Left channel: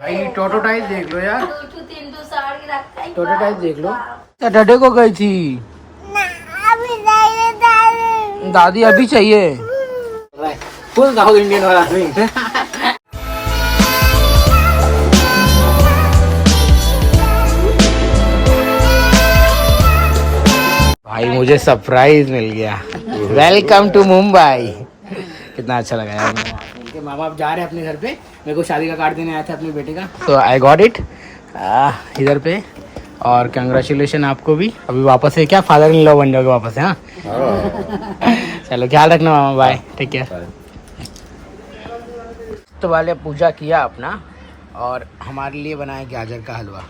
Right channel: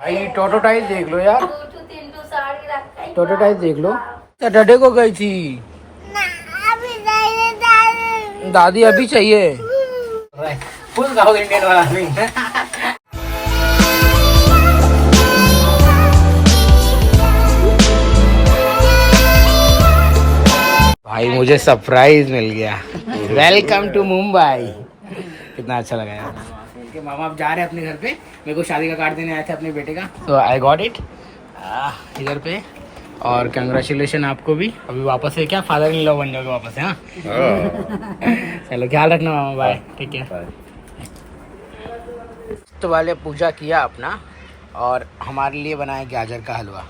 भाई टोटोटाइज देख लो यार, टोटोटाइज देख लो। डडे को गई थी दादी, अभी चाहिए फुल साउथ इंडियन वाला नहीं। भाई मुझे सरप्राइज मिल गया, वेलकम टू मुंबई। कितना अच्छा लगा यार। उनके मामा अब जा रहे हैं अपने घर पे, मेरे को शादी का कार्ड देने आए थे अपने बेटे का, तो आई गॉट इट इधर पे। और कंग्रेचुलेशन आपको भी, अभी वापस से क्या फादर इन लॉ बन जाओगे वापस से। हाँ चलो ख्याल रखना मामा, बाय, ठीक है। तो वाले पूजा किया अपना और हमारे लिए बनाया गाजर का हलवा।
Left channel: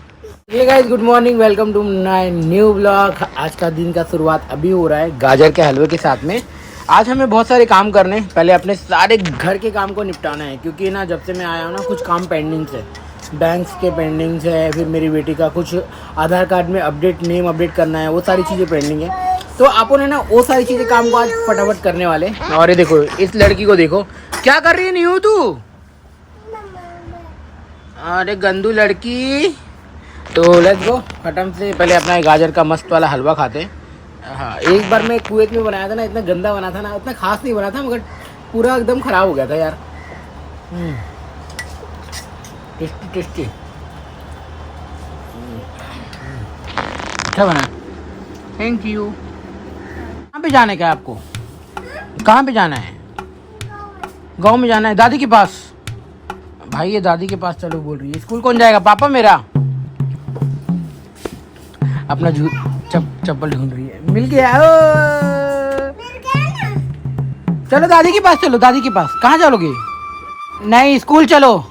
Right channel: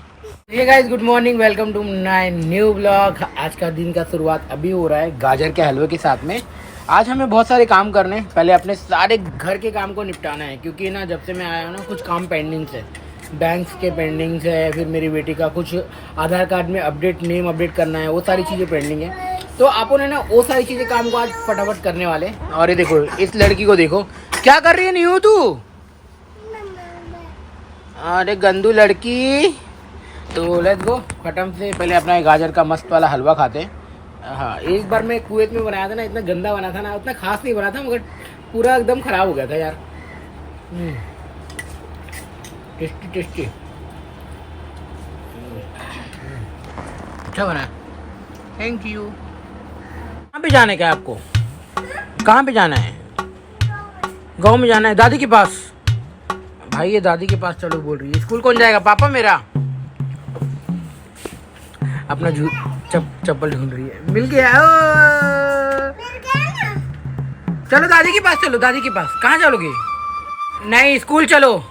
ये guys good morning, welcome to my new blog. आज का दिन का शुरुआत अभी हो रहा है गाजर के हलवे के साथ में। आज हमें बहुत सारे काम करने, पहले अपने सारे घर के काम को निपटाना है, क्योंकि ना जब से मैं आया हूँ ना कुछ काम पेंडिंग्स है, बैंक्स के पेंडिंग्स है, फिर मेरी बेटी का कुछ आधार कार्ड में अपडेट, नेम अपडेट करना है, वो सारी चीज़ें पेंडिंग है। तो आपको ना वो सारी चीज़ें काम को आज फटाफट करने वाले। और ये देखो इस लड़की को देखो क्या कर रही है न्यू तू, अरे गंदू लड़की। तो लेट्स गो खत्म से पहले अपना गाजर का मस्त वाला हलवा खाते हैं। हाँ, एक बार मैं कुवैत में बनाया था ना, इतना गंदा बना था ना, उतना खास नहीं बना था, मगर पूरा एकदम ख़राब हो गया था यार। टेस्टी टेस्टी अच्छा बना, थैंक यू। कहाँ पे जाना है क्या आपको, कहाँ पे जाना है? गाँव में जाना है, दादी के पास। भाई ये दादी के पास चलो बोल रही है। स्कूल कौन जाएगा? पापा मेरा। अपना चप्पल ढूंढ रही है, मिल गया। चलो दादी के पास चलो, दादी के पास। कहाँ चलोगे? नहीं स्कूल चलो,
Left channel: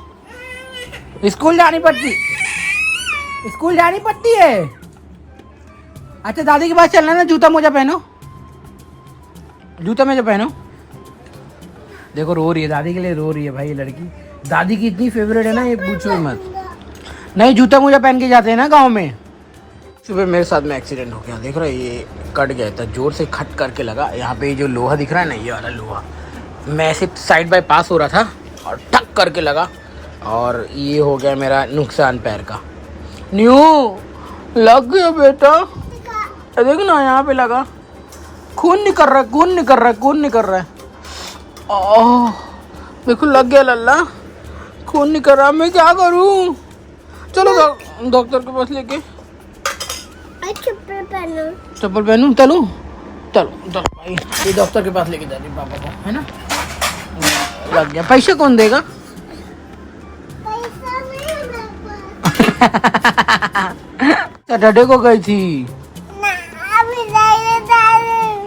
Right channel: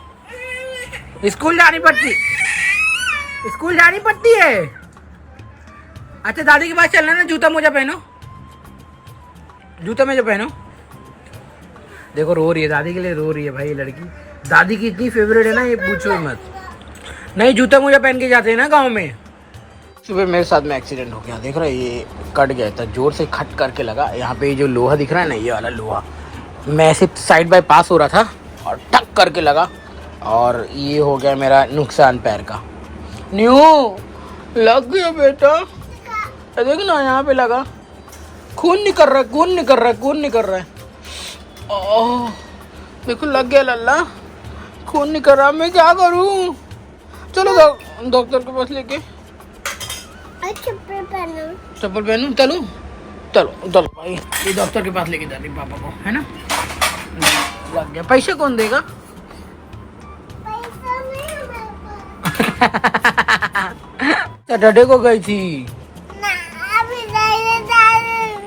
स्कूल जानी पड़ती, स्कूल जानी पड़ती है। अच्छा दादी के पास चलना ना, जूता मोजा पहनो, जूता मोजा पहनो। देखो रो रही है, दादी के लिए रो रही है भाई ये लड़की। दादी की इतनी फेवरेट है ना, ये पूछो मत। नहीं जूता मोजा पहन के जाते हैं ना गाँव में। सुबह मेरे साथ में एक्सीडेंट हो गया, देख रहे ये कट गया था, जोर से खट करके लगा। यहाँ पे जो लोहा दिख रहा है ना, ये वाला लोहा, मैं ऐसे साइड बाय पास हो रहा था और टक करके लगा, और ये हो गया मेरा नुकसान पैर का। न्यू लग गया बेटा, देख ना यहाँ पे लगा, खून निकल रहा है, खून निकल रहा है, खून निकल रहा है। ओह देखो लग गया लल्ला, खून निकल रहा है, मैं क्या करूँ? चलो डॉक्टर के पास लेके। चप्पल पहनूं? चलो चलो चलो भाई, ये डॉक्टर के पास लेके जा रही पापा को, है ना। लग गया, पैसे कौन देगा? डडे को गई थी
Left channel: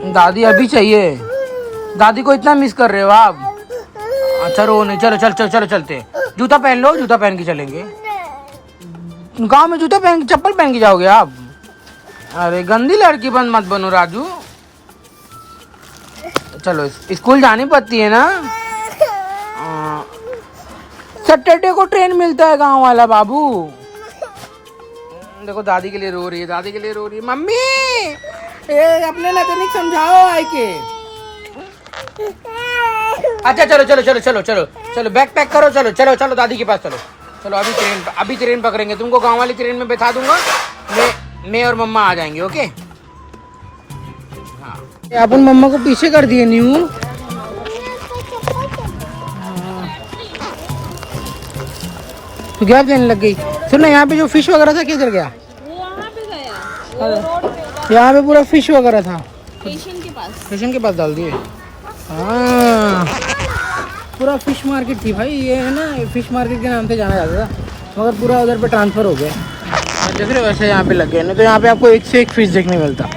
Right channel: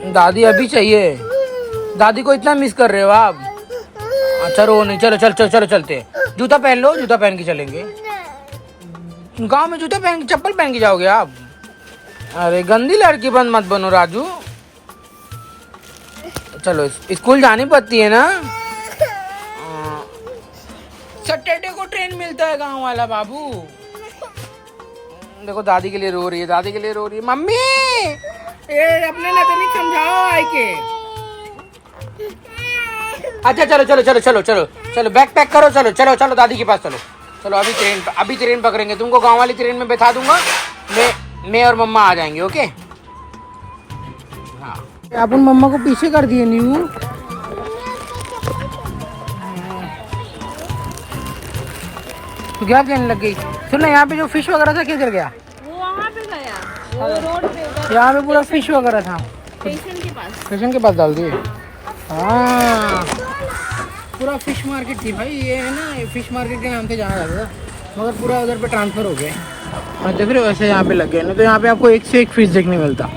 दादी, अभी चाहिए। दादी को इतना मिस कर रहे हो आप? अच्छा रो नहीं, चलो चलो चलो चलो चलते। जूता पहन लो, जूता पहन के चलेंगे। गांव में जूता पहन के, चप्पल पहन के जाओगे आप? अरे गंदी लड़की मत बनो राजू। चलो स्कूल जानी पड़ती है ना, सैटरडे को ट्रेन मिलता है गांव वाला बाबू। देखो दादी के लिए रो रही है, दादी के लिए रो रही है। मम्मी ये अपने नाते समझाओ आई के। अच्छा चलो चलो चलो चलो चलो चलो बैग पैक करो, चलो चलो चलो दादी के पास चलो। चलो अभी ट्रेन पकड़ेंगे, तुमको गांव वाली ट्रेन में बैठा दूंगा, मैं और मम्मा आ जाएंगे। ओके हाँ, आप उन मम्मा को पीछे कर दिए न्यू। तो क्या कहने लग गई? सुन ना, यहाँ पे जो फिश वगैरह था किधर गया? वो वहाँ पे गया, यहाँ पे पूरा फिश वगैरह था, स्टेशन के पास डाल दिए। हाँ पूरा फिश मार्केट थी भाई, ये है ना फिश मार्केट के नाम से जाना जाता था, मगर पूरा उधर पे ट्रांसफर हो गया। मैं देख रहे वैसे यहाँ पे लग गए, नहीं तो यहाँ पे आपको एक से एक फिश देखने मिलता।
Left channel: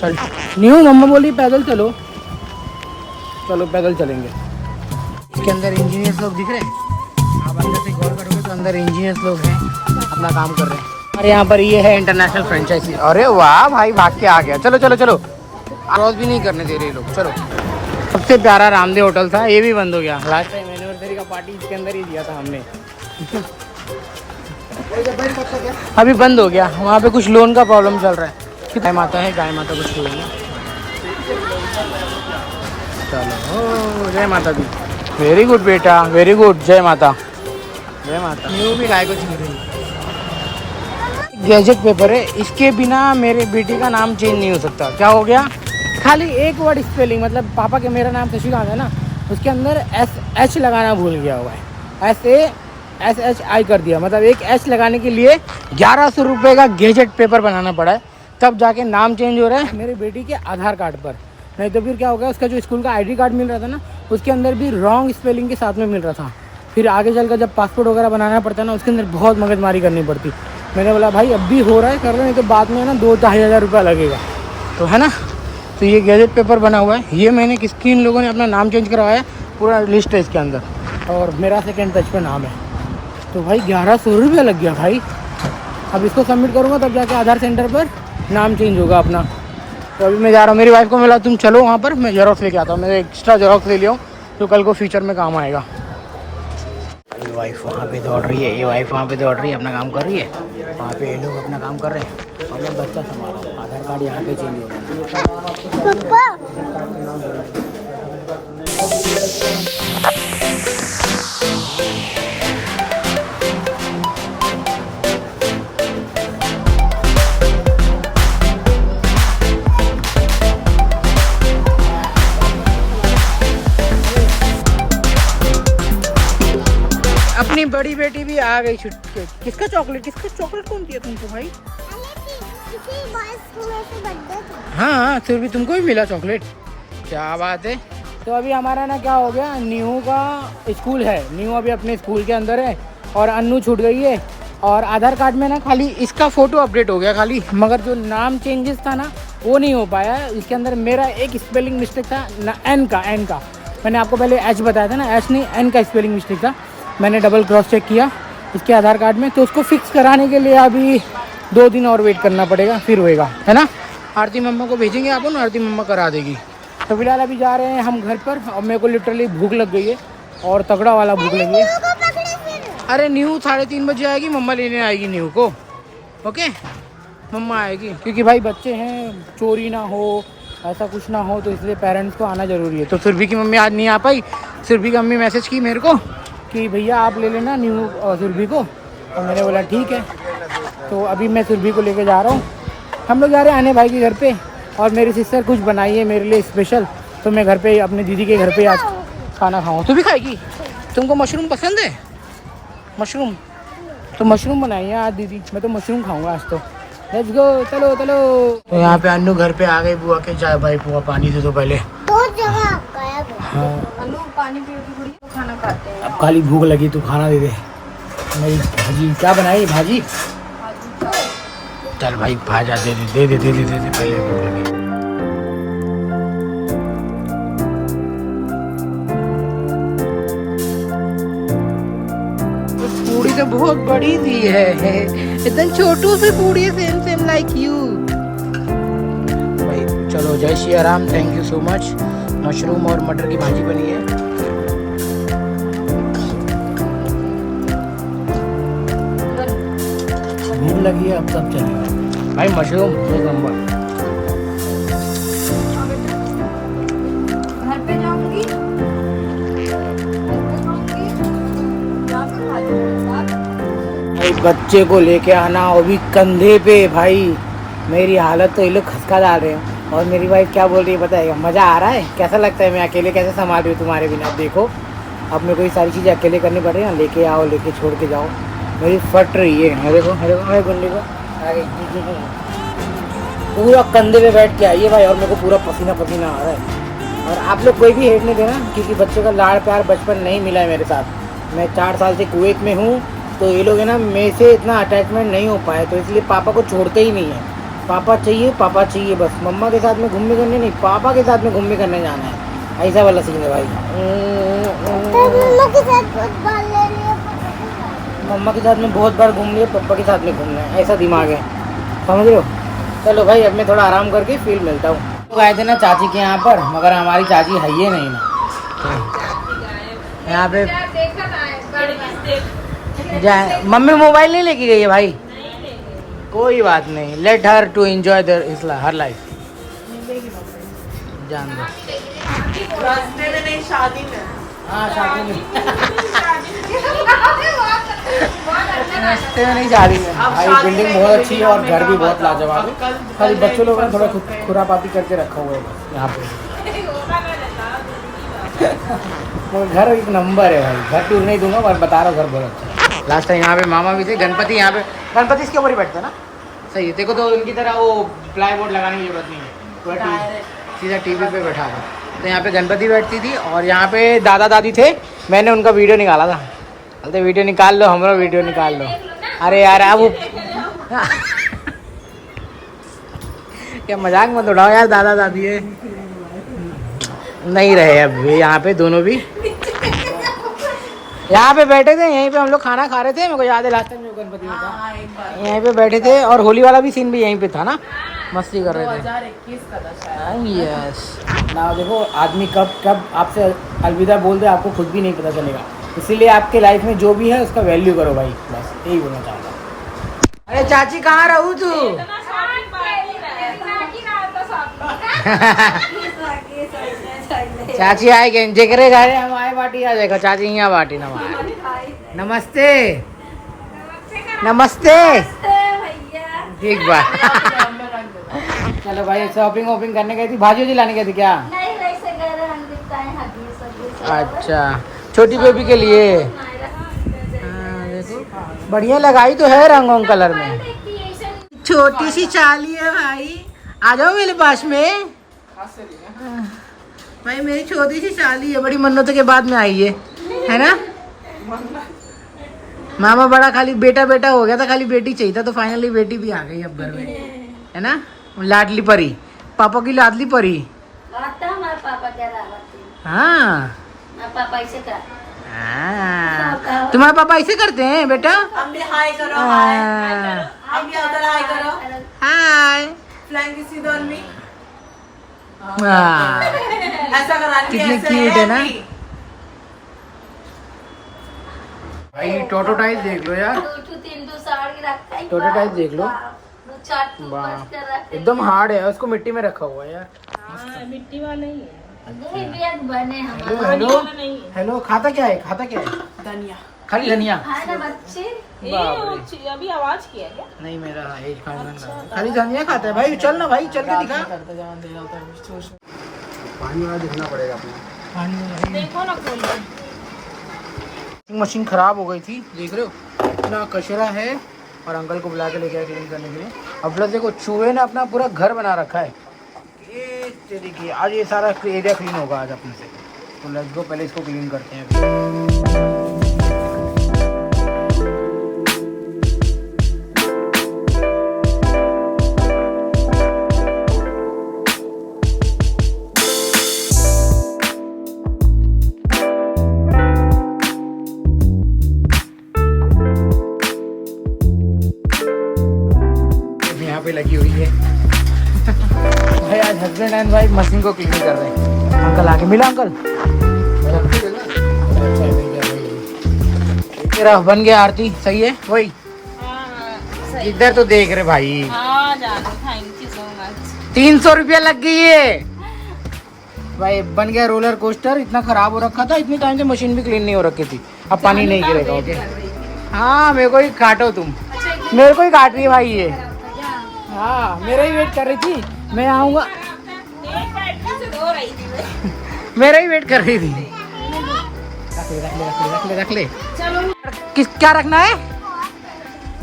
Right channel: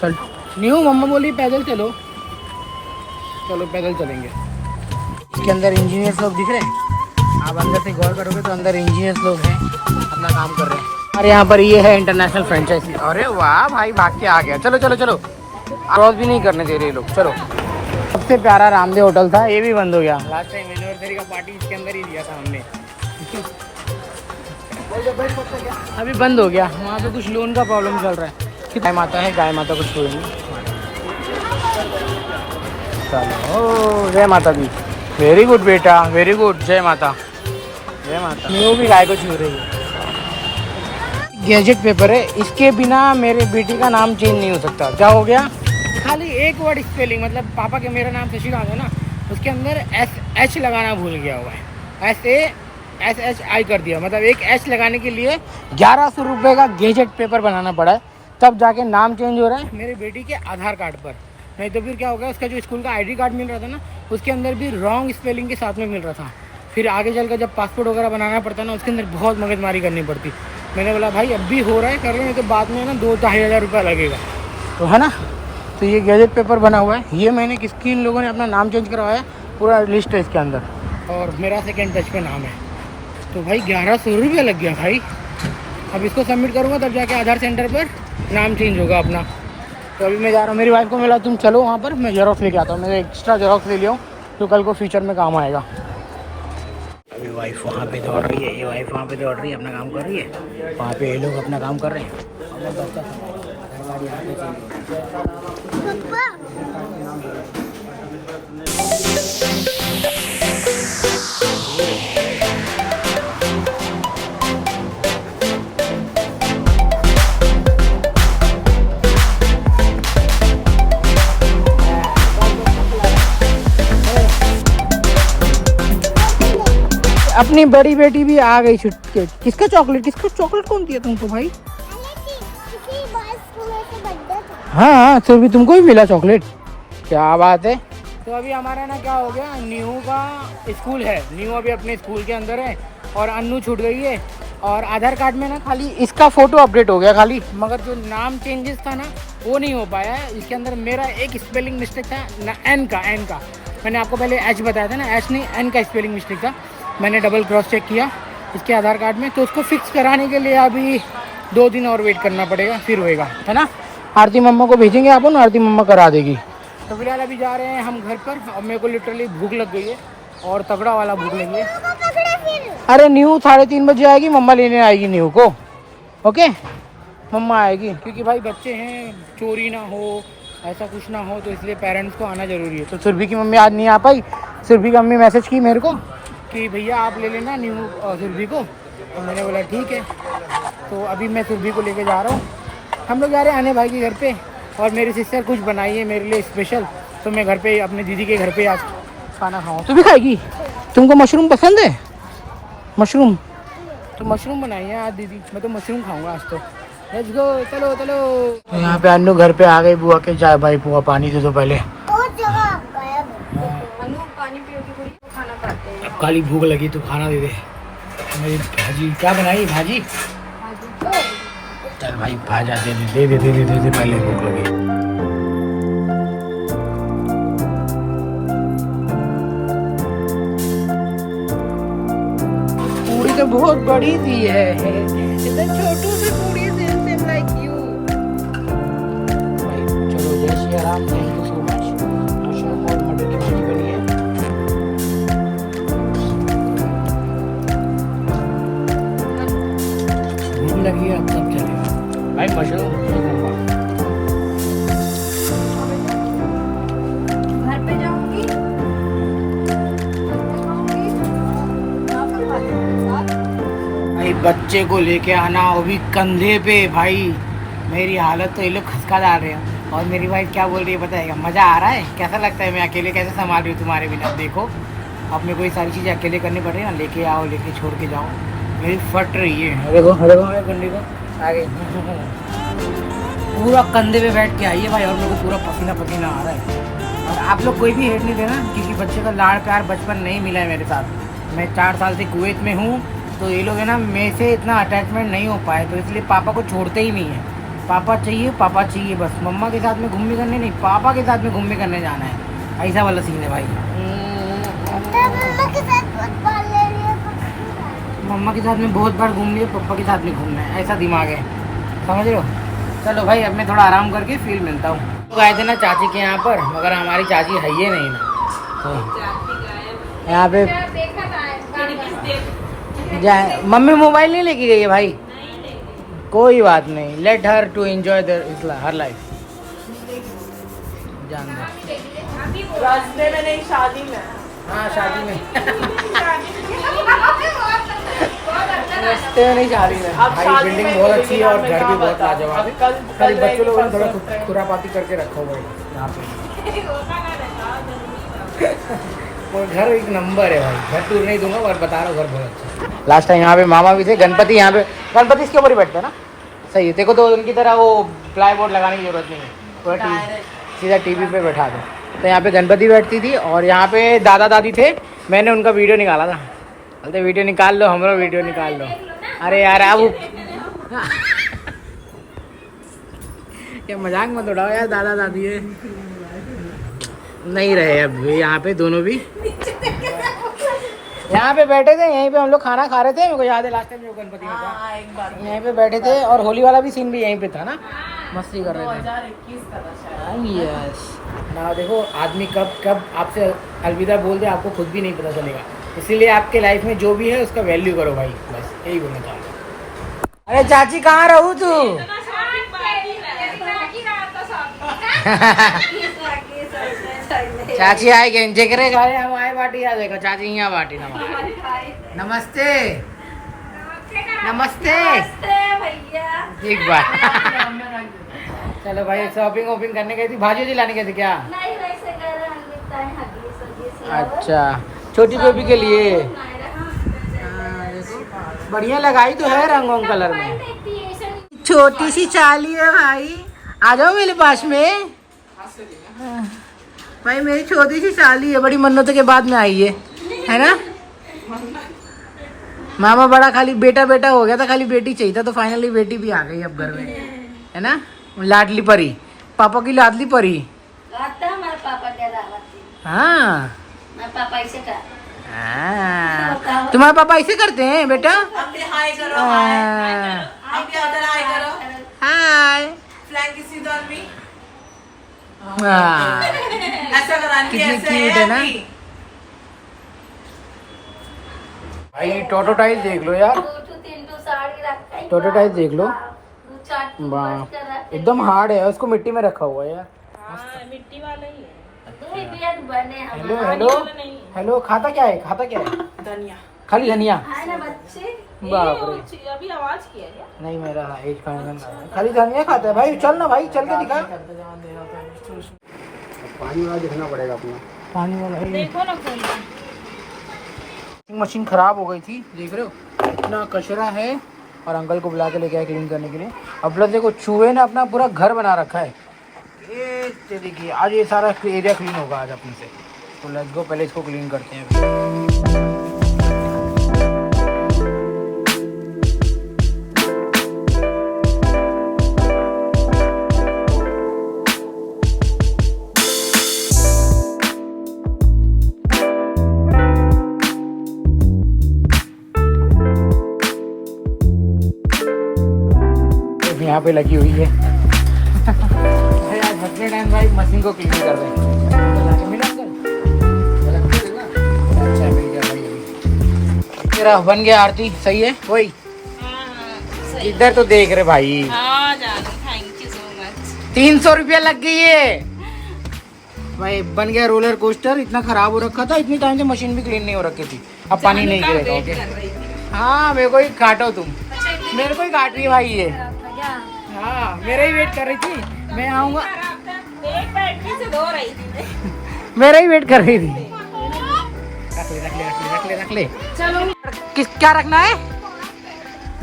चल न्यू मम्मा बोली पैदल चलो, चलो पैदल चलेंगे। इसके अंदर इंजीनियर्स लोग दिख रहे हैं, आप अंदर से गौर करोगे तो अंदर इंजीनियर्स लोग हैं, अपना काम कर रहे हैं। और यहाँ पर ये है इंटरनेशनल फ्रेंचाइजी। अरे वाह भाई भाग के आ गया। चलो चलो चलो, क्रॉस भी नहीं करने दे रहे लोग। चलो सबसे प्यारा रामदेव होटल था, ये भी बंद हो गया। लास्ट टाइम एनिवर्सरी का पार्टी इसके अंदर ही दिया था हमने, अभी बंद हो गया। वहाँ पे कुछ लोन का प्रॉब्लम चल रहा है। गाय माता है, गाय माता कुछ हुई नहीं। चलो जय माता दी, वेरी गुड बेटा, वेरी गुड, जय माता। जय माता। न्यू भी गाय को छू रही है। गैजेट पेपर है, इसके बिना मेरे बेटी का नाम चेंज नहीं हो सकता। क्या हो गया? खाली एक वर्ड स्पेलिंग, मतलब पापा के मेरा नाम शशिकांत है ना, उसके अंदर SH लगाना भूल गया हुआ है। SASHI कर दिया, मतलब एक H लगाने के लिए 1100 रुपये का गैजेट पेपर बनाना पड़ा है, तब जाके नाम चेंज हो रहा है मेरी बेटी के आधार कार्ड पर। नहीं तो फिर क्या हो गया, उसका जो स्कूल का ID कार्ड मिल रहा था ना, उसके अंदर भी रॉन्ग स्पेलिंग के साथ में मिल रहा था। फिर आगे चलकर जब पासपोर्ट वगैरह बनाना पड़ता है ना, उसके अंदर बहुत मगजमारी करनी पड़ती। मैंने बोला भाई अब भी हो रहा है कर लो, नहीं तो बाद में ना 2-2.5 हज़ार रुपया लगेगा, तो है ना। तो ये गैजेट पेपर बना हुआ है, ये मैंने किन लोगों ने अपना नाम चेंज करवाया है, पूरा लिस्ट है इसके अंदर, और मेरा सेकेंड टच पे नाम है। तो भाई 1100 रुपया लग गया भाई। अब इसको सबमिट करूँगा तब जाके आधार सेंटर पर नाम चेंज होगा अपना। तो अभी मैं जा रहा हूँ, मेरी वाइफ को मिला, तुम चलो वहाँ पर, मैं जेरॉक्स लेके आता हूँ। मैंने एक्स्ट्रा जेरॉक्स ले लिया हूँ जो कल को फ्यूचर में काम आएगा। अभी वाइफ वहाँ पे दौड़ रही है, ये वाइफ वहाँ पे दौड़ रही है, अपना काम कर रही है, वहाँ पे ये लोग अपना काम कर रहे हैं, और मैं बच्चा संभाल, आधार कार्ड यहाँ पे चेंज होगा। अपनी बड़ी बेटी भी आ गई छुट्टी। किसका चॉकलेट कौन दिया तुमको भाई? हाँ सुरभि तुमको भी मिला चॉकलेट, क्या बात है। तो अभी हमारा ना क्या हो गया, न्यू का स्कूल है, न्यू अभी अपने स्कूल के अंदर है, और अन्नू छूट गई है, और आधार कार्ड में ना खाली इसका फ़ोटो अपडेट हो गया खाली, मगर जो नाम चेंजेस था ना वो नहीं हो पाया है। इसके अंदर मेरा एक स्पेलिंग मिस्टेक था ना, एन का मैंने आपको पहले H बताया था ना, H नहीं N का स्पेलिंग मिस्टेक था। मैंने डबल क्रॉस चेक किया उसके आधार कार्ड में, तो उसको फिक्स कराने के लिए अभी 2 दिन और वेट करना पड़ेगा, फिर होएगा, है ना। आरती मम्मा को भेजेंगे अपन, आरती मम्मा करा देगी। तो फिलहाल अभी जा रहे हैं हम घर पर, और मेरे को लिटरली भूख लग गई है, और तगड़ा वाला भूख लगी है। अरे न्यू 3:30 बजे आएगी, मम्मा लेने आएगी न्यू को, ओके मम्मा आएगी, क्योंकि भाई बच्चे हैं, चोरी ना हो, ऐसा कुछ ना हो, तो इसलिए पेरेंट्स को आना ज़रूरी है। तो सुरभि की मम्मी आज नहीं आ पाई, सुरभि की मम्मी मैसेज की मेरे को कि भैया आप ले लेना न्यू और सुरभि को, और मैंने बोला ठीक है। तो अभी मैं सुरभि को लेके जा रहा हूँ, हम लोग जा रहे हैं आने भाई के घर पे, और मेरी सिस्टर कुछ बनाई है मेरे लिए स्पेशल, तो मैं घर पे अपने दीदी के घर पे आज खाना खाऊँ। तू भी खाएगी? तुमको मशरूम पसंद है? मशरूम तो मशरूम बनाई है आज दीदी, मैं तो मशरूम खाऊंगा आज। तो लेट्स गो, चलो। तो यहाँ पे अन्नू घर पे आ गई, बुआ के जाए भाई, बुआ पानी दे दो पहले। अब खाली भूख लगी, तू खाना दे दे। मेरी भाजी क्या बनाई, भाजी चल भाई, भाजा दे दे पूड़ी तो बहुत बड़ी दी है, इतनी छोटू सी पूड़ी, सेम लाइक यू भाई। चलो जय Shri Ram, thank you so much. Mushroom और मटर की भाजी बनी है। भूख लगी है, अब कब चलेगा भाई, मशरूम एक नंबर। घर पे जाऊंगी, भाई बच्चे को लेके आना, वो भी कंधे पे भाई। मेरी हालत तो ये लोग खसका डाल रहे हैं, और मेरी वाइफ क्या बोल रही है बताएगा, मज़ा आ रहा है, कैसा लगता है, मैं अकेले कैसे संभाल रही हूँ तुम्हारे बिना। देखो अब मेरे को ये सारी चीज़ें अकेले करनी पड़ रही है, लेके आओ, लेके छोड़ के जाओ, मेरी फट रही है। देखो हमारे गुंडी को आ गई, पूरा कंधे पे बैठ के आई है भाई, और मेरे को पूरा पसीना आ रहा है। और आप लोग कोई भी हेट नहीं देना, क्योंकि बच्चे का लाड़ प्यार बचपन नहीं मिला है मेरे साथ। मैं 4 साल से कुवैत में हूँ, तो ये लोग है ना मेरे से इतना अटैचमेंट नहीं हो पाए, तो इसलिए पापा को छोड़ते ही नहीं है। पापा चाहिए बस, मम्मा के साथ में घूमने करने नहीं, पापा के साथ में घूमने करने जाना है, ऐसा वाला सीन है भाई। मम्मा के साथ में बहुत बार घूम लिया, पापा के साथ में घूमना है, ऐसा दिमाग है, समझ रहे हो। चलो भाई अब मैं थोड़ा आराम करके फिर मिलता हूँ। तो गए थे ना चाची के यहाँ पर, मगर हमारी चाची है ही नहीं ना, तो यहाँ पे जाए। मम्मी मोबाइल नहीं लेके गई है भाई, कोई बात नहीं, let her to enjoy their her life, जान दो। हाँ शादी में नमस्ते नहीं शादी में भाई बिल्डिंग बहुत अच्छी है और घर भी बहुत लाजवाब है। खाली बच्चों लोगों ने थोड़ा खुरापाती करके रखा हुआ है बस यहाँ पे। वो घर एक नंबर है भाई, घर टूर नहीं दूंगा और बता रहा हूँ घर बहुत अच्छा। लास्ट टाइम यहाँ पे मामा भी थे, गणपति यहाँ पे, गणपति इसके ऊपर ही बैठता है ना। सही है, देखो तो उनकी तरह वो प्लाई बोर्ड लगाने की जरूरत नहीं है, पूरा सीधा टीवी पे बैठा दो। तो यहाँ पे गणपति बैठती थी और यहाँ पे दादा दादी थे। मैंने उनका वीडियो निकाला था, बोलते वीडियो निकाल लो, हमारा वीडियो निकाल लो। अरे यार अब क्या मजाक मत उड़ाओ यार, दादा दादी है नहीं रहे अब यहाँ पे दोनों भी। यहाँ पे बैठे थे, यहीं पे हम लोग खाना खा रहे थे, मेरे को याद है लास्ट टाइम जो गणपति में था यहीं पे बैठे थे। और होली वाला भी सीन भी यहीं पे था ना, मस्ती कर रहे थे। यस ना देखो आदमी कब कब आपसे अलविदा बोल दे आपको खुद भी नहीं पता चलेगा। इसीलिए आपके लाइफ में जो भी है उसका वैल्यू करो भाई, बस यही बोलना चाहता हूँ। अरे चाची कहाँ रहू तू? चाची आए के जेकरे गाड़ी हम आए बाटी आ देखो चाची यहाँ बाटी ना। नमस्ते नमस्ते ठीक बा। चलो भाई शॉपिंग वॉपिंग करने गई थी, भाजी वाजी लाने गई थी क्या? अच्छा छोटी बेबी के लिए। हाँ देखो बढ़िया लगाई तो है रंगों कलर में। छोटी सी चाली है भाई, आ जाओ मेरे पास में। भाई मेरी छोटी सी शाली है, बड़ी मन्नतों के बाद में आई है ना। मामा बड़ा खाली बेटा बेटा हो गया था, खाली बेटी चाहिए था, तो फाइनली बेटी भी आ गई अब घर में, है ना। लाडली परी, पापा की लाडली परी। हाँ तुम्हारे पापा ऐसे करते हैं बेटा। हाय कितनी क्यूट है ना भाई। टोटो टाइल देख लो यार, टोटो टाइल देख लो, एकदम हार्ड है, उसको मिट्टी में रखा हुआ है यार। मिट्टी वाले हेलो हेलो खाता क्या है, खाता क्या है? धनिया, खाली धनिया। अभी आवाज किया क्या? नहीं मेरा एक खाली धनिया खाता है भाई। चल ना भाई, चल के दिखा। पानी वाला देखना पड़ेगा अपने, पानी वाला देखो ना खोल के। मशीन खराब हो गई थी, देख रहे हो इतना कचरा है। और अंकल को बुला के लेके आए क्लीन करने के लिए। अब प्लस देखो चूहे ने अपना पूरा घर बना रखा है। ये देखिए आज ये सारा एरिया क्लीन होगा आज अपने से। तो लेट्स गो, पहले इसको क्लीन करते हैं। यहाँ पे लगी हुई है भाई। आज हस्बैंड एंड वाइफ मशीन को क्लीन कर रहे हैं। अंकल आके मिला अंकल। तेरा बन गया आरती, सही है वही। इधर तो देख रहे भाई। 300 रुपया लग गई है भाई। बन गया रोलर कोस्टर, इतना खराब हो रखा था, इतनी टाइम से मशीन भी क्लीन नहीं हो रखी थी। अब पानी नहीं गिरेगा। ओके हाँ मेरे को ही काटो तुम, मेरे को ही काट रही है भाई ये। हाँ मेरा ही वेट कर रही थी, मैं आऊँगा। मेरा ही वेट कर रही थी। रख ले। चलो किस क्या रखना है?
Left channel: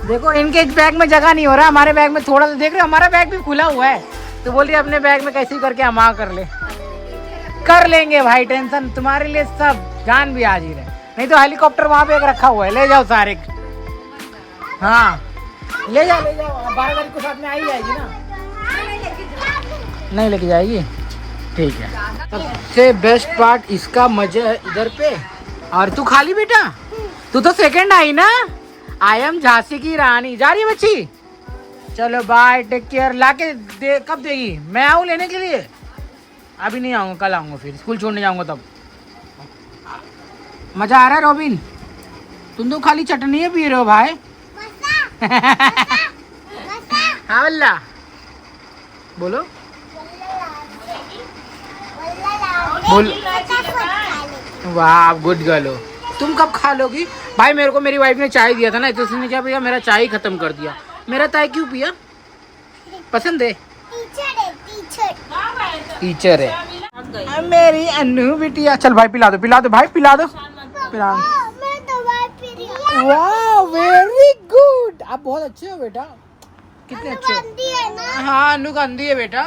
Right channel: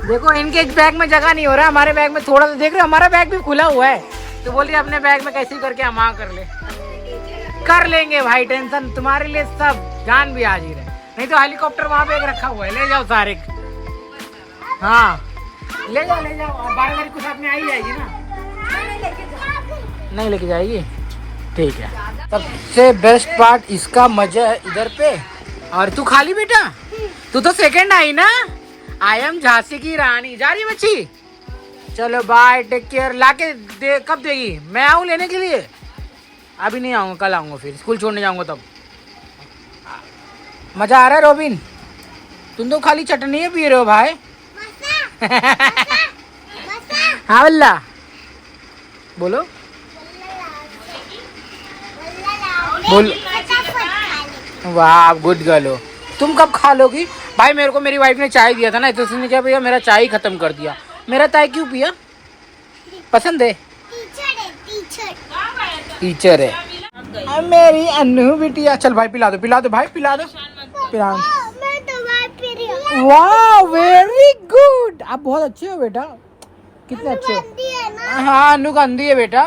देखो इनके बैग में जगह नहीं हो रहा, हमारे बैग में थोड़ा सा। देख रहे हो हमारा बैग भी खुला हुआ है, तो बोल रही अपने बैग में कैसे करके हम कर लेंगे भाई। टेंशन तुम्हारे लिए सब जान भी हाजिर है। नहीं तो हेलीकॉप्टर वहाँ पे एक रखा हुआ है, ले जाओ सारे। हाँ ले जाओ 12 तारीख को साथ में आ ही जाएगी ना। नहीं लेके जाएगी, ठीक है। सबसे बेस्ट पार्ट इसका मजा है इधर पे। और तू खाली बेटा, तू तो सेकंड आई ना। आई एम झांसी की रानी। जा रही है बच्ची, चलो बाय, टेक केयर। लाके दे कब देगी? मैं आऊँ लेने के लिए? अभी नहीं आऊँगा, कल आऊँगा, फिर स्कूल छोड़ने जाऊँगा तब। मजा आ रहा है रोबिन? तुम तो खाली चटनी पी रहे हो भाई। हाँ बल्ला बोलो वाह गुड गर्ल हो। तुम कब खा लोगी? भाई मेरे को मेरी वाइफ ने चाय दिया था ना, तो उसने क्या भैया मेरा चाय ही खत्म कर दिया। मेरा चाय क्यों पिया? पसंद है? टीचर है मेरी अन्नू बिटिया। चल भाई पिला दो भाई पिला दो। वाह वेरी गुड, आप बहुत अच्छे हो बेटा, कितने अच्छे हो। हाँ अन्नू गंदी है बेटा।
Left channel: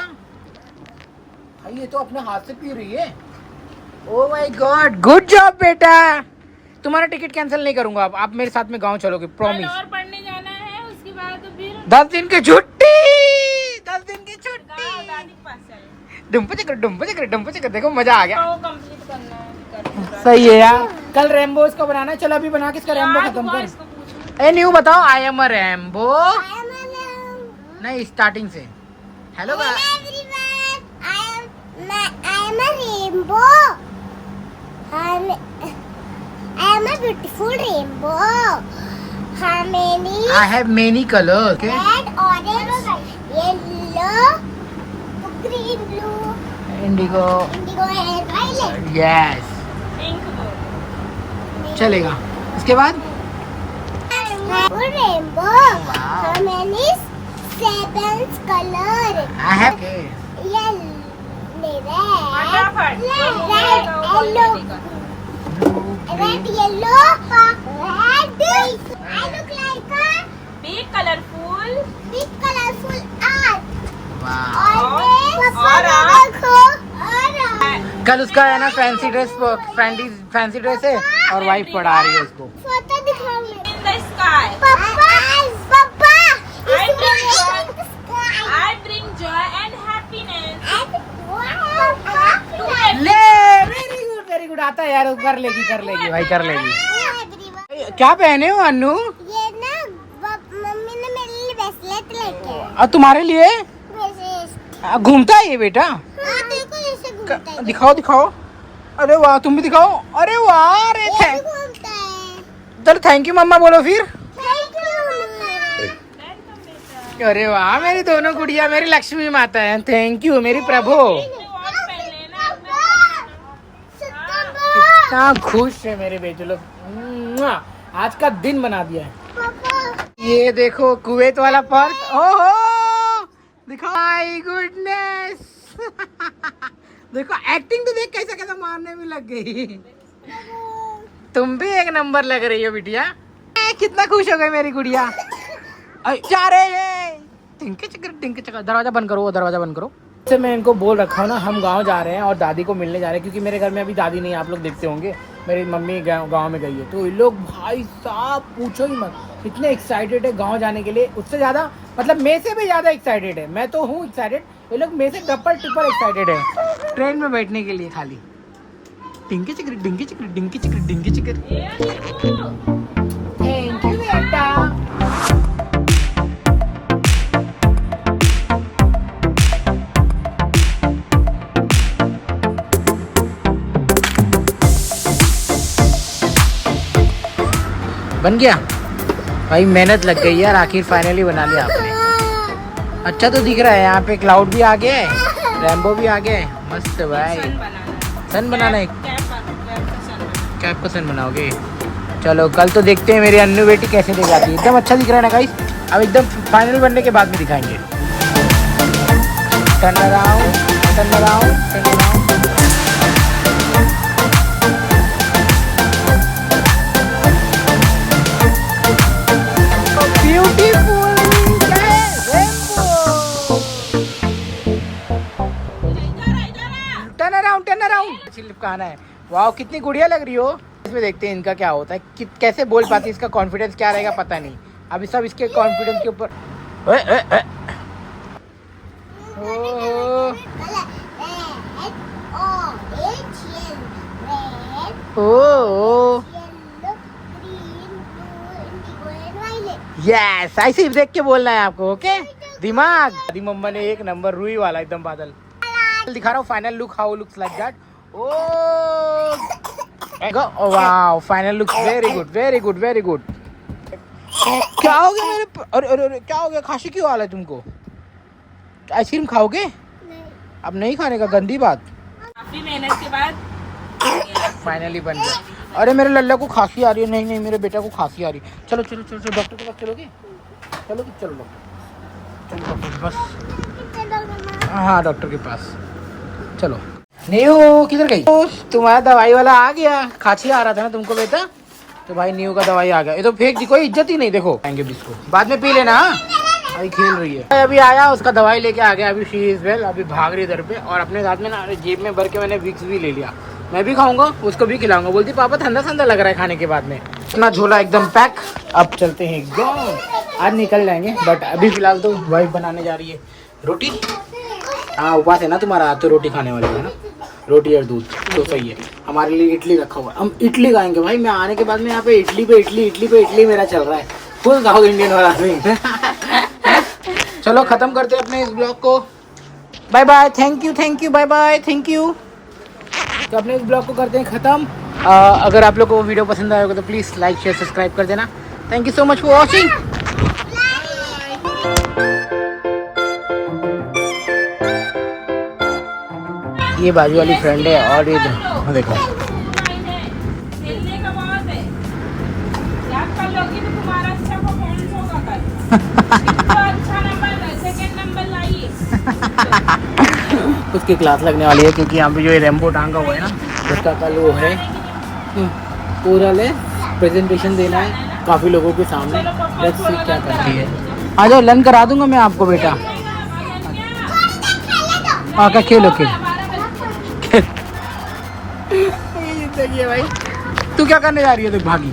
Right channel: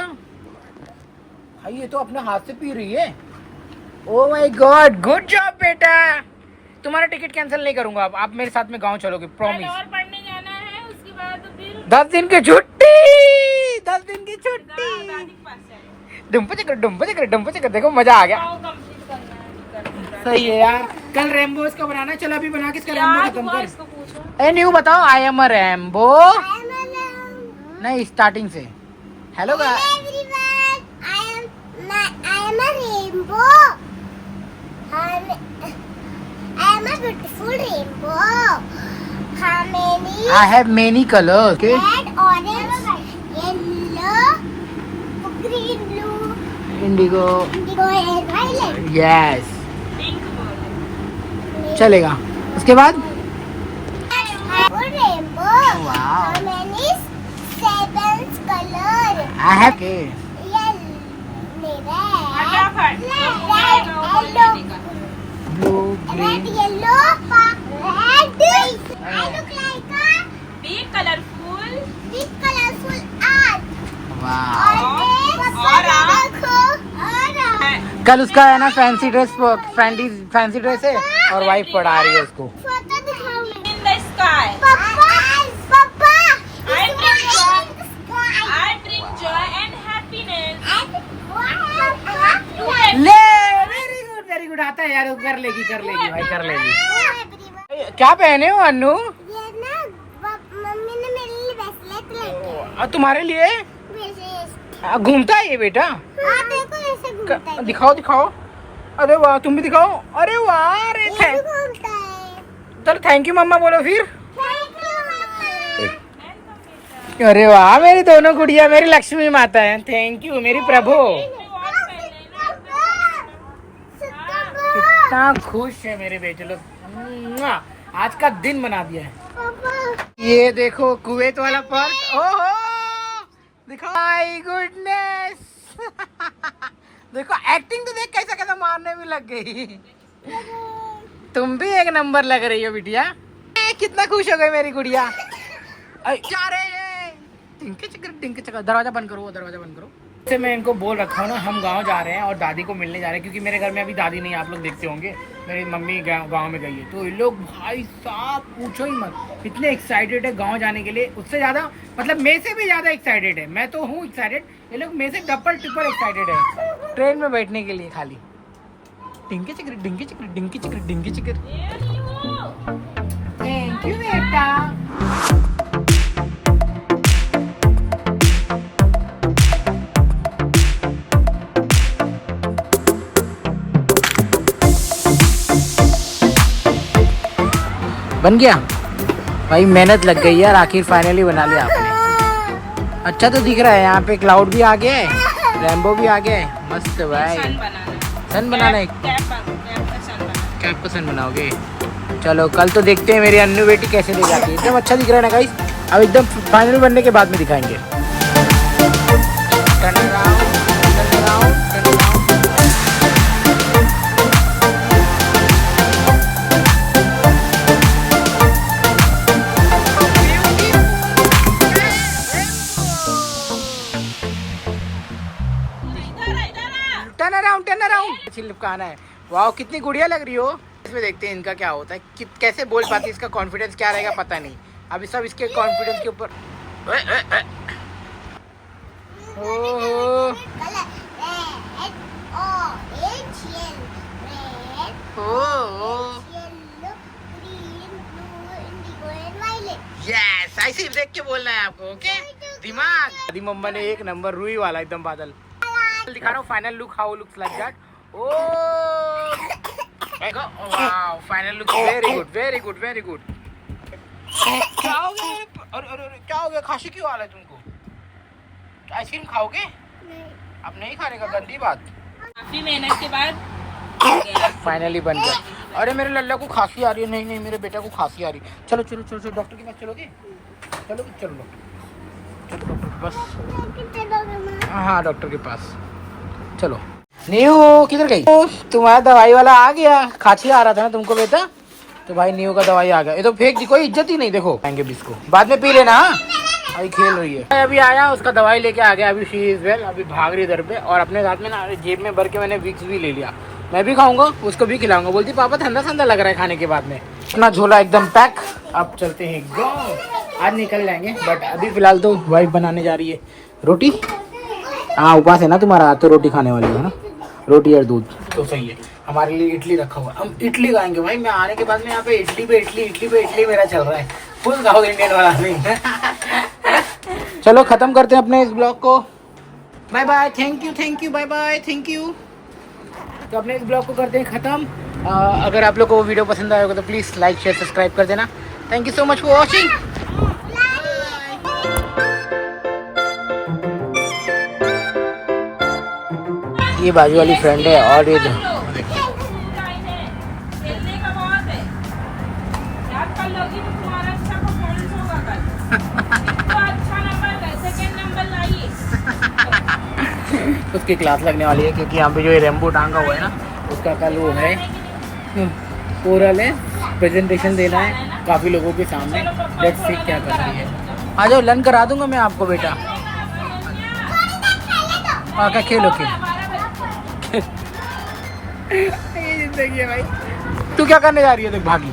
भाई ये तो अपने हाथ से पी रही है। Oh my God good job बेटा। तुम्हारा टिकट कैंसिल नहीं करूंगा। आप मेरे साथ में गांव चलोगे प्रॉमिस। और पढ़ने जाना है, उसके बाद तो फिर 10 दिन की छुट्टी, 10 दिन की छुट्टी। दादी के पास चले। डुम्प चकर देखो मजा आ गया। वो कंप्लीट करना है। सही है यार। कल रैम्बो इसका बनाना है। चलो अभी बना के इसका रैम्बो याद खत्म हुआ कर। इसको पूछो। ए न्यू बताओ आई एम अ रैम्बो। नहीं स्टार्टिंग से। Hello beautiful rainbow. How many? I have many colour. Okay Red, orange, yellow, green, blue, Indigo indigo, and violet. Yes pink बोल। चलेगा। उसके बाद Beautiful rainbow. Wow. How many? 7 color. I have Yellow, फटाफट। red, yellow, blue red, yellow, red. I look like a Big colorful। big colorful art. वाह। और कल उसका है ना फैंसी ड्रेस है और वाइफ पढ़ा रही है उसको। फोटो दिखाओ। In the sky। पापा I bring joy and happiness to everyone। ले वेरी गुड आता है यार। कर लेगी भाई कर लेगी। क्या पहने हो अन्नू? ये ना मम्मी ने मेरे लिए ब्रेसलेट लेके और तुम्हारे लिए ब्रेसलेट। घूमता है ये बेटा। हाँ देखो ऐसे घूमता है। दिखाओ। अरे वाह तुम भी दिखाओ। अरे वाह अरे ये भी घूमता है। चलो थैंक यू मम्मा बोलो फिर। Thank you. अरे वाह मेरी दोनों गुड़िया मेरी लक्ष्मी माता है। थैंक यू मेरी प्रभु। कितना खुश है मेरे बेटे लोग। आज का दिन बना दिया है। ये देखो कुवैत वाला पर्स। ओहो देखो माय गुडनेस। देखो एक्टिंग तो देख कैसा मारने में लग गई। तुम भी एक नंबर लग रही हो बिटिया। कितना खुश हो गई मेरी गुड़िया। जा रहे हैं टिंक चकर। दरवाजा बंद करो। से मैं इनको बोल रखा हूँ ना हम गांव जा रहे हैं और दादी को मिलने जा रहे हैं, क्योंकि मेरे घर में अभी दादी नहीं है। आप लोग देखते होंगे मेरी मम्मी गांव में गई है। तो ये लोग भाई साहब पूछो ही मत, इतने एक्साइटेड है गांव जाने के लिए। उससे ज़्यादा मतलब मैं से भी ज़्यादा एक्साइटेड है। मैं तो हूँ एक्साइटेड, ये लोग मेरे से डबल ट्रिपल एक्साइटेड है ट्रेन में बैठने के लिए खाली। डिंकी चिकर। थैंक यू बेटा। बन गया भाई, मेहनत लग गई यार, आखिर फाइनली बना लिया आपने। अच्छा तो दिख रहा है। यहाँ पे क्लाउड भी आ गया है, रैम्बो भी आ गया है। मस्त भाई। सन बनाना है। कैप का सन बनाओगे? चलो कल तो देखते हैं मेरी अन्नू बेटी कैसे दे जाती है। एकदम अच्छा दिख रहा है ना गाइस। अब एकदम फाइनल बनने के बाद में दिखाएंगे। Turn around. टर्न अराउंड चिपकाना है। वाह कितनी गुड़िया लग रही हो। इसमें देखते हैं इनका क्या होता है, कि कैसे बोल पाती है, इसका कॉन्फिडेंस क्या रहेगा पता नहीं। अभी सब इसके कॉन्फिडेंस के ऊपर। यस ऐसे देख के बोलना है आपको। ओके दिमाग। दादी मम्मा ने एक नंबर रुई वाला एकदम बादल दिखा रहा हूँ। Final look how looks like that. Oh wow final look very good. क्या हो गया मेरे? अरे क्या हो गया? खांसी क्यों आ रहा है तुमको? आइसक्रीम खाओगे? अब नहीं खाने का, गंदी बात। काफी मेहनत के बाद फाइनली बन गया। अरे मेरे लल्ला को खांसी आ रही है। नहीं नहीं मेरे बेटा को खांसी आ रही है। चलो चलो चलो चलो डॉक्टर के पास चलोगे? चलोगे? चलो डॉक्टर, चलो डॉक्टर के पास। हाँ डॉक्टर के पास चलो। नीहू किधर गई? तुम्हारा दवाई वाला आ गया। खांसी आ रहा था ना तुमको बेटा, तो भाई नीहू का दवाई आ गया। ये तो फेंक दी, कोई इज्जत ही नहीं। देखो आएंगे भी इसको, बाद में पी लेना। हाँ अभी खेल रही है। अभी आया उसका दवाई लेके आ गया। अभी शी इज वेल, अभी भाग रही इधर पे। और अपने साथ में ना जेब में भर के मैंने विक्स भी ले लिया। मैं भी खाऊंगा, उसको भी खिलाऊंगा। बोलती पापा ठंडा ठंडा लग रहा है खाने के बाद में। अपना झोला एकदम पैक। अब चलते हैं गाँव। आज निकल जाएंगे बट अभी फिलहाल तो वाइफ बनाने जा रही है रोटी। हाँ उपवास है ना तुम्हारा, तो रोटी खाने वाली है ना, रोटी और दूध तो सही है। हमारे लिए इडली रखा हुआ, हम इडली खाएंगे भाई। मैं आने के बाद में यहाँ पे इडली पे इडली, इडली पे इडली मेरा चल रहा है। फुल साउथ इंडियन वाला नहीं। चलो खत्म करते हैं अपने इस ब्लॉग को। Bye bye, thank you, bye bye, thank you. तो अपने इस ब्लॉग को करते हैं खत्म। अगर आप लोग को वो वीडियो पसंद आया होगा तो प्लीज़ लाइक शेयर सब्सक्राइब कर देना। Thank you so much for watching. ये बाजू वाली फ्रेंड है और ये देखो खेलने का बहुत है, याद कर लोगी तो तुम्हारा अच्छा परफॉर्मेंस होगा कल। तो अच्छा नंबर, सेकंड नंबर लाइए। उसकी क्लास लगने वाली है क्योंकि यहाँ पे जो ये रेम्बो टांगा हुआ है ना, उसका कल वो है ओरल है, प्रेजेंटेशन देना है काफ़ी लोगों के सामने। लेट्स सी क्या करती है। आ जाओ, लर्न करा दूंगा मैं आपको बेटा। आका खेलो खेल। देखिए भाई तू क्या करने जा रही है? देख भागी।